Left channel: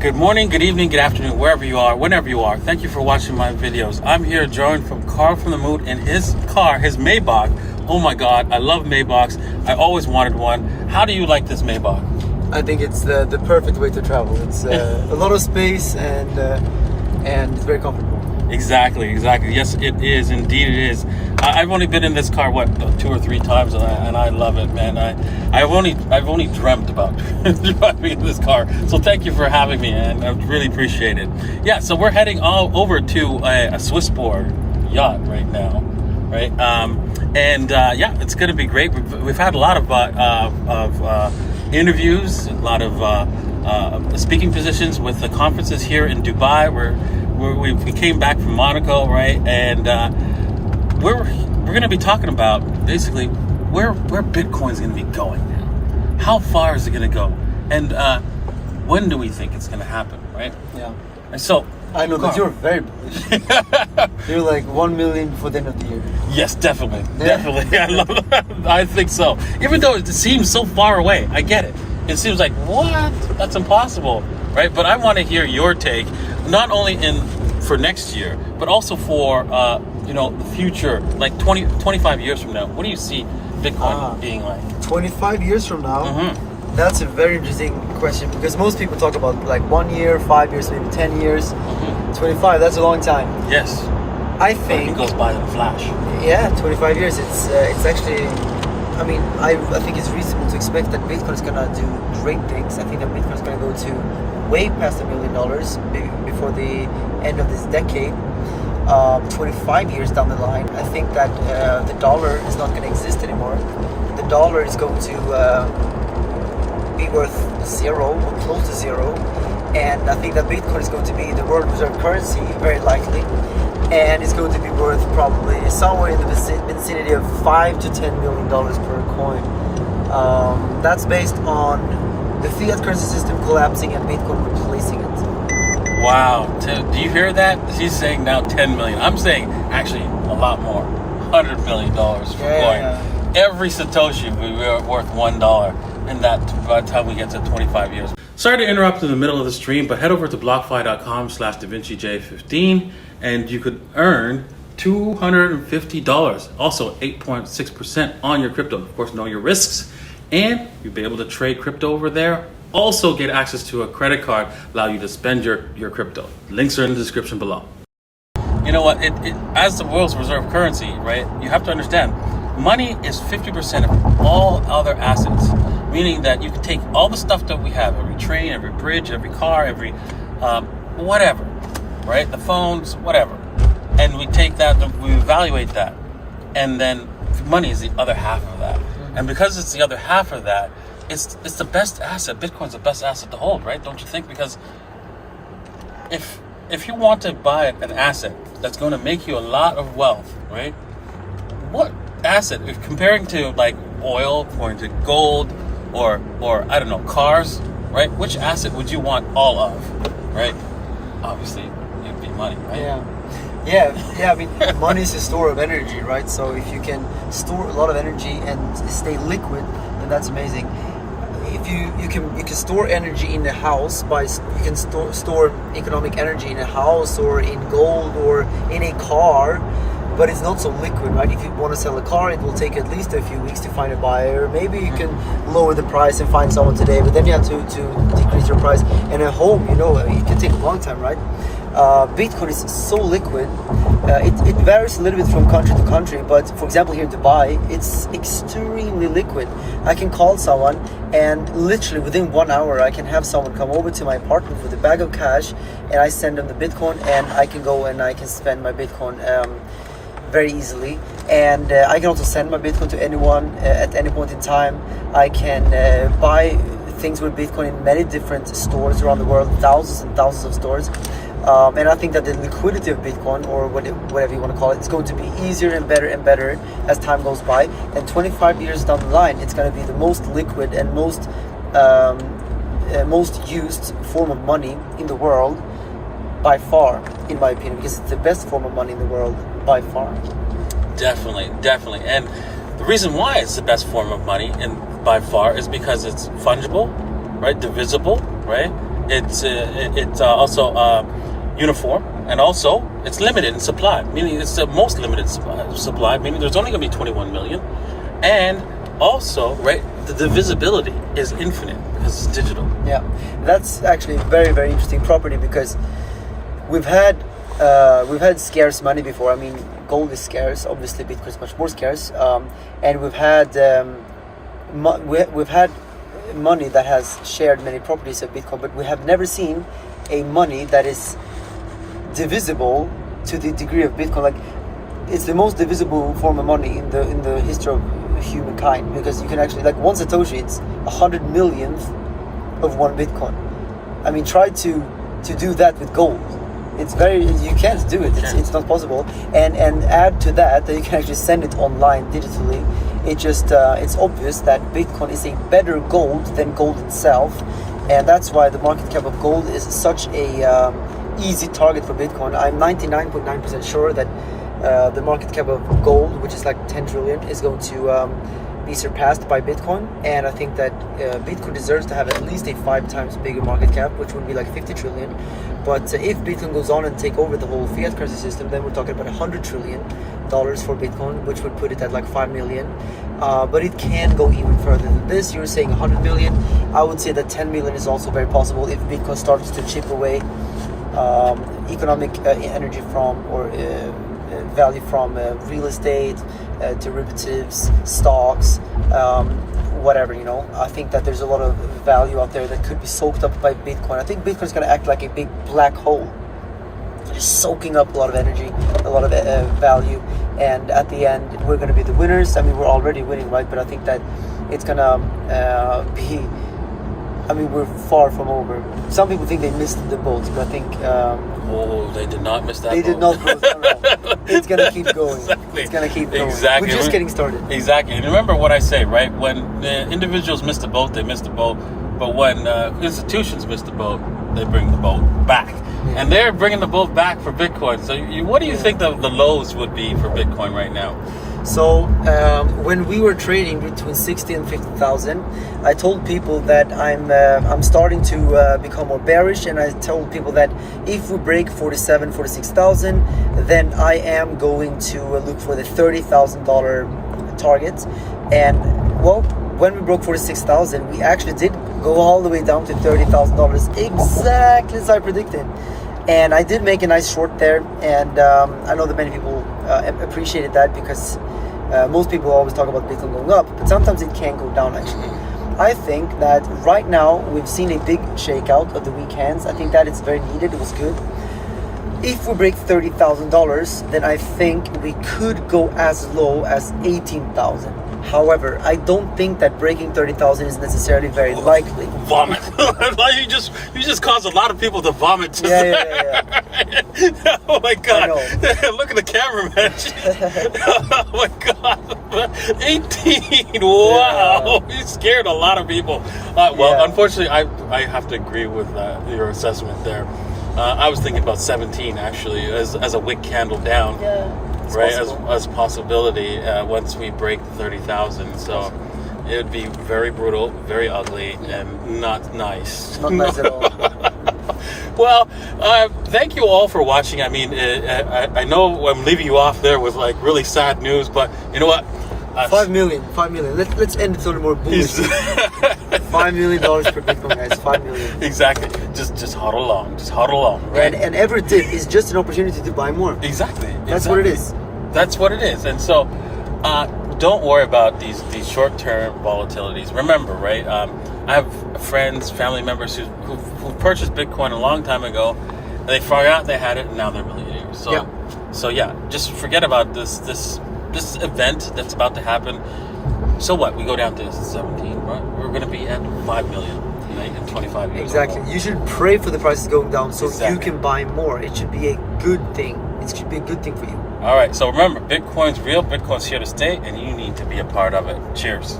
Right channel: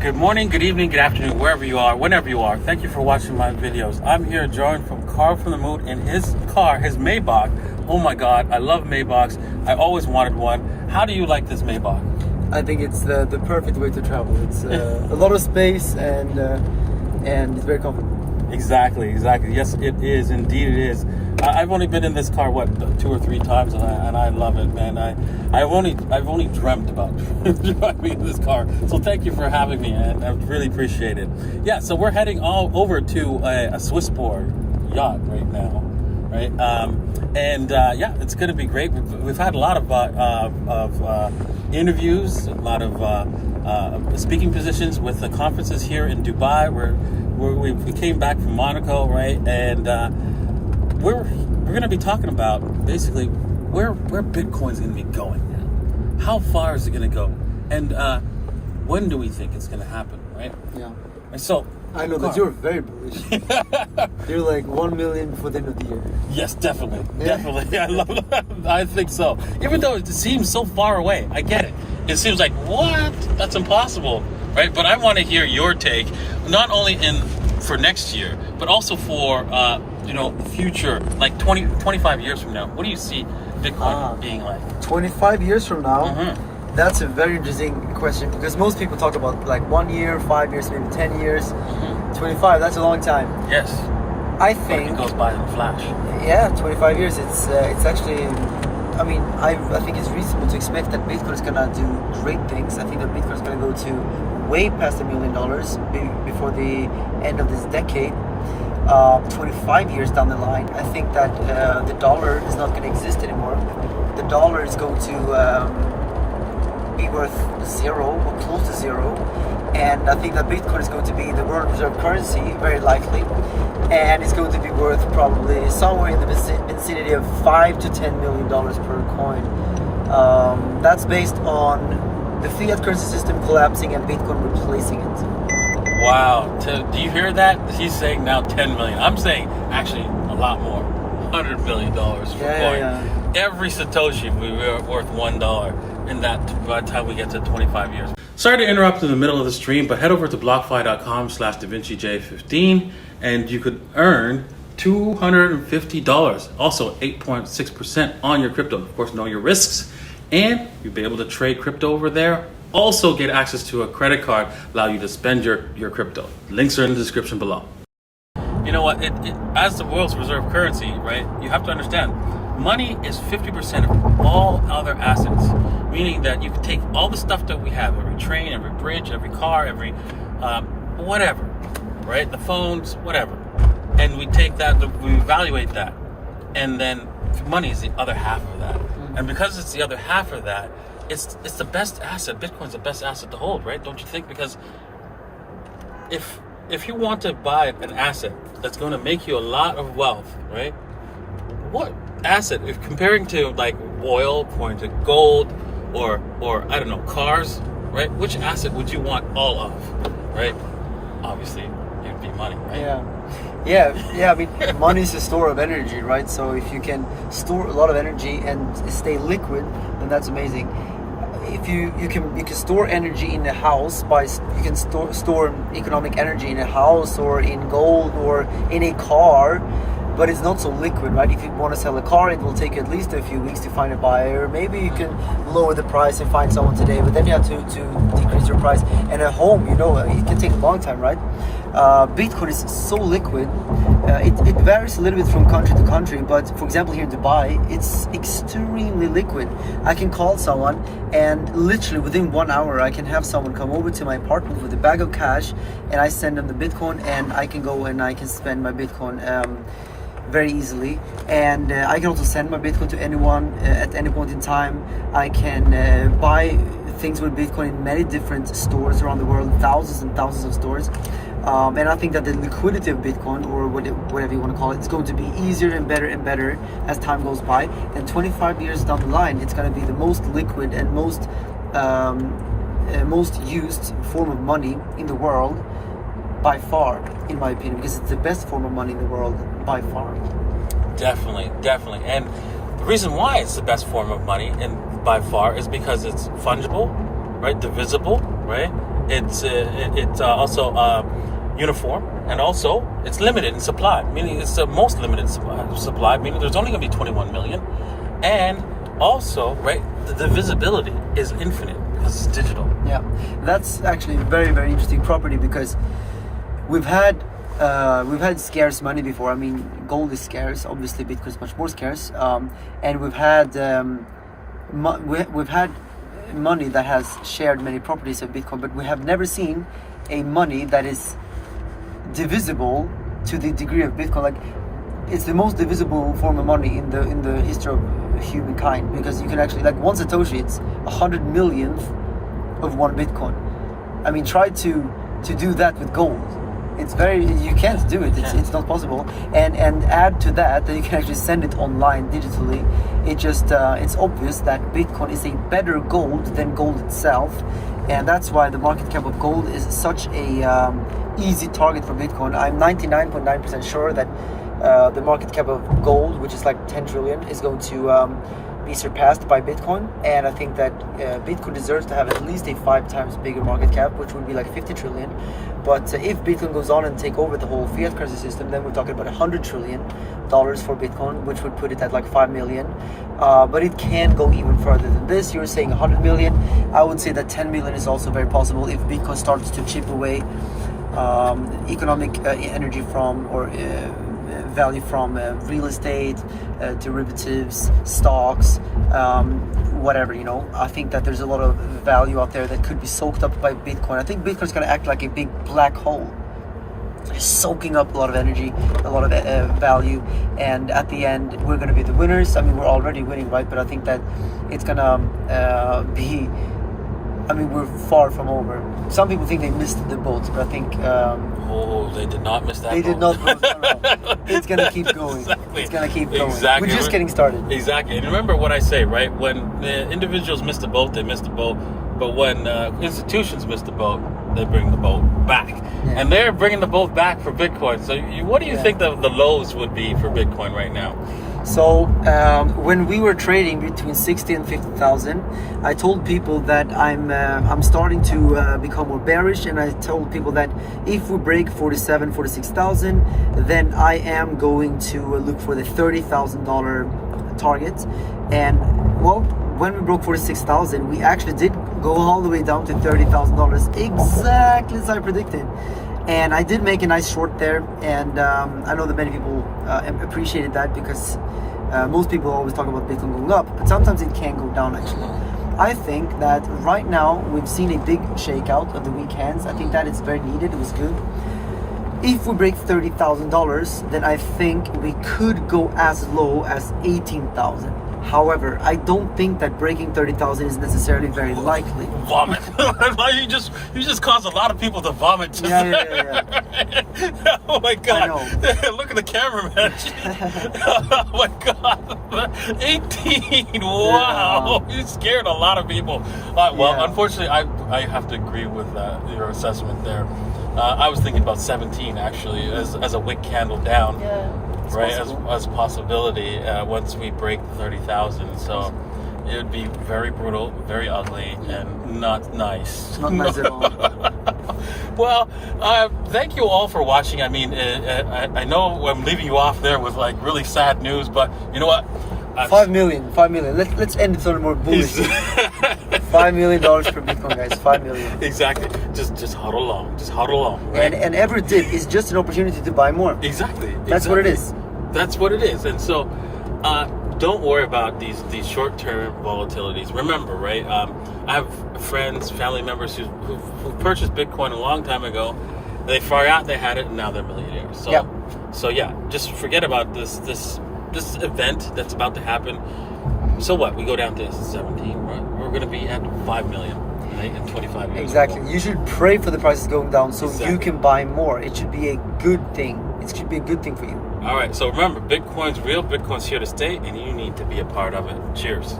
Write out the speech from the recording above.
Good morning, good evening, good afternoon, wherever you are, whenever you are. Thank you for watching my videos. I'm here joined from Carl from TheMoon in his car, his Maybach. Oh my God, I love Maybachs. I always wanted one. How do you like this Maybach? I think it's the perfect way to travel. It's a lot of space and it's very comfortable. Exactly. Yes, it is. Indeed, it is. I've only been in this car 2 or 3 times, and I love it, man. I've only dreamt about driving in this car. So thank you for having me, and I really appreciate it. Yeah. So we're heading all over to a Swissport yacht right now, right? Yeah, it's going to be great. We've had a lot of interviews, a lot of speaking positions with the conferences here in Dubai. We came back from Monaco, right? And we're going to be talking about basically where Bitcoin's going to be going now. How far is it going to go? And when do we think it's going to happen, right? Yeah. And so I know that you're very bullish. You're like 1 million before the end of the year. Yes, definitely. I think so. Even though it seems so far away, I get it. It seems like, what? That's impossible, right? But I want to hear your take, not only for next year, but also for future, like 25 years from now. What do you see Bitcoin being like? 25 years from now? That's a very interesting question, because most people talk about like 1 year, 5 years, maybe 10 years. 25, that's a long time. Yes. I think it goes by in a flash. Yeah, 25 years. It's actually, I mean, I think it's reasonable to expect that Bitcoin is gonna do great things. I think that Bitcoin is gonna go to way past $1 million before the end of this decade. 25 years down the line, I think that the dollar is not going to exist anymore. The dollar is going to be worth zero or close to zero, and I think that Bitcoin is going to be the world reserve currency, very likely, and it's going to be worth probably somewhere in the vicinity of $5 to $10 million per coin. That's based on the fiat currency system collapsing and Bitcoin replacing it. Wow. Do you hear that? He's saying now 10 million. I'm saying actually a lot more. $100 million per coin. Yeah. Every Satoshi will be worth $1, and that by the time we get to 25 years. Sorry to interrupt in the middle of the stream, but head over to blockfi.com/DaVinciJ15 and you could earn $250. Also 8.6% on your crypto. Of course, know your risks, and you'll be able to trade crypto over there. Also get access to a credit card, allow you to spend your crypto. Links are in the description below. You know what, as the world's reserve currency, right, you have to understand, money is 50% of all other assets, meaning that you can take all the stuff that we have, every train, every bridge, every car, every whatever, right, the phones, whatever, and we take that, we evaluate that, and then money is the other half of that. And because it's the other half of that, it's the best asset. Bitcoin's the best asset to hold, right? Don't you think? Because if you want to buy an asset that's going to make you a lot of wealth, right? What asset, if comparing to like oil, comparing to gold, or I don't know, cars, right? Which asset would you want all of, right? Obviously, it'd be money, right? Yeah. I mean, money is a store of energy, right? So if you can store a lot of energy and stay liquid, then that's amazing. If you can store energy in a house you can store economic energy in a house or in gold or in a car, but it's not so liquid, right? If you want to sell a car, it will take at least a few weeks to find a buyer. Maybe you can lower the price and find someone today, but then you have to decrease your price. And a home, it can take a long time, right? Bitcoin is so liquid. It varies a little bit from country to country, but for example here in Dubai, it's extremely liquid. I can call someone and literally within 1 hour I can have someone come over to my apartment with a bag of cash, and I send them the Bitcoin, and I can go and I can spend my Bitcoin very easily. And I can also send my Bitcoin to anyone at any point in time. I can buy things with Bitcoin in many different stores around the world, thousands and thousands of stores. And I think that the liquidity of Bitcoin, or whatever you want to call it, is going to be easier and better as time goes by. And 25 years down the line, it's going to be the most liquid and most used form of money in the world by far, in my opinion, because it's the best form of money in the world by far. Definitely. And the reason why it's the best form of money and by far is because it's fungible, right? Divisible, right? It's also uniform, and also it's limited in supply, meaning it's the most limited supply, meaning there's only going to be 21 million. And also, right, the visibility is infinite because it's digital. Yeah, that's actually a very, very interesting property, because we've had scarce money before. I mean, gold is scarce, obviously Bitcoin is much more scarce, and we've had money that has shared many properties of Bitcoin, but we have never seen a money that is divisible to the degree of Bitcoin. Like, it's the most divisible form of money in the history of humankind, because you can actually, like, one Satoshi, it's 100 millionth of one Bitcoin. I mean, try to do that with gold. You can't do it. It's not possible. And add to that you can actually send it online digitally. It's obvious that Bitcoin is a better gold than gold itself, and that's why the market cap of gold is such a easy target for Bitcoin. I'm 99.9% sure that the market cap of gold, which is like 10 trillion, is going to be surpassed by Bitcoin. And I think that Bitcoin deserves to have at least a 5 times bigger market cap, which would be like 50 trillion. But if Bitcoin goes on and take over the whole fiat currency system, then we're talking about $100 trillion for Bitcoin, which would put it at like 5 million. But it can go even further than this. You're saying 100 million. I would say that 10 million is also very possible if Bitcoin starts to chip away economic energy from, or value from real estate, derivatives, stocks, whatever, you know. I think that there's a lot of value out there that could be soaked up by Bitcoin. I think Bitcoin's going to act like a big black hole, just soaking up a lot of energy, a lot of value, and at the end we're going to be the winners. I mean, we're already winning, right? But I think that it's going to be, I mean, we're far from over. Some people think they missed the boat, but I think they did not miss that. They did not miss. No. It's gonna keep going. Exactly. It's gonna keep going. Exactly. We're just getting started. Exactly. And remember what I say, right? When individuals miss the boat, they miss the boat. But when institutions miss the boat, they bring the boat back. Yeah. And they're bringing the boat back for Bitcoin. So what do you think the lows would be for Bitcoin right now? So when we were trading between 60 and 50,000, I told people that I'm starting to become more bearish, and I told people that if we break 47, 46,000, then I am going to look for the $30,000 target. And well, when we broke 46,000, we actually did go all the way down to $30,000, exactly as I predicted. And I did make a nice short there, and I know that many people appreciated that, because most people always talk about Bitcoin going up, but sometimes it can go down actually. I think that right now we've seen a big shakeout of the weekends. I think that it's very needed. It was good. If we break $30,000, then I think we could go as low as 18,000. However, I don't think that breaking 30,000 is necessarily very likely. Vomit. you just caused a lot of people to vomit. Yeah. Oh my God. I know. Look at the cameraman. Oh my God. 18. Wow. You scared a lot of people. Unfortunately, I have to agree with your assessment there. I was thinking about 17 actually as a wick candle down. Yeah. Right, as possibility once we break 30,000. So it would be very brutal, very ugly, and not nice. Not nice at all. Well, thank you all for watching. I mean, I know I'm leaving you off there with like really sad news, but you know what? 5 million. Let's end it on a more bullish. $5 million per Bitcoin, guys. 5 million. Exactly. Just hodl along. Right? And every dip is just an opportunity to buy more. Exactly. That's what it is. That's what it is. And so, don't worry about these short-term volatilities. Remember, right? I have friends, family members who purchased Bitcoin a long time ago. And they forgot they had it, and now they're millionaires. So, just forget about this event that's about to happen. So what? We go down to 17, right? We're going to be at 5 million in 25 years. Exactly. You should pray for the prices going down so Exactly. you can buy more. It should be a good thing. It should be a good thing for you. All right. So remember, Bitcoin's real. Bitcoin's here to stay, and you need to be a part of it. Cheers.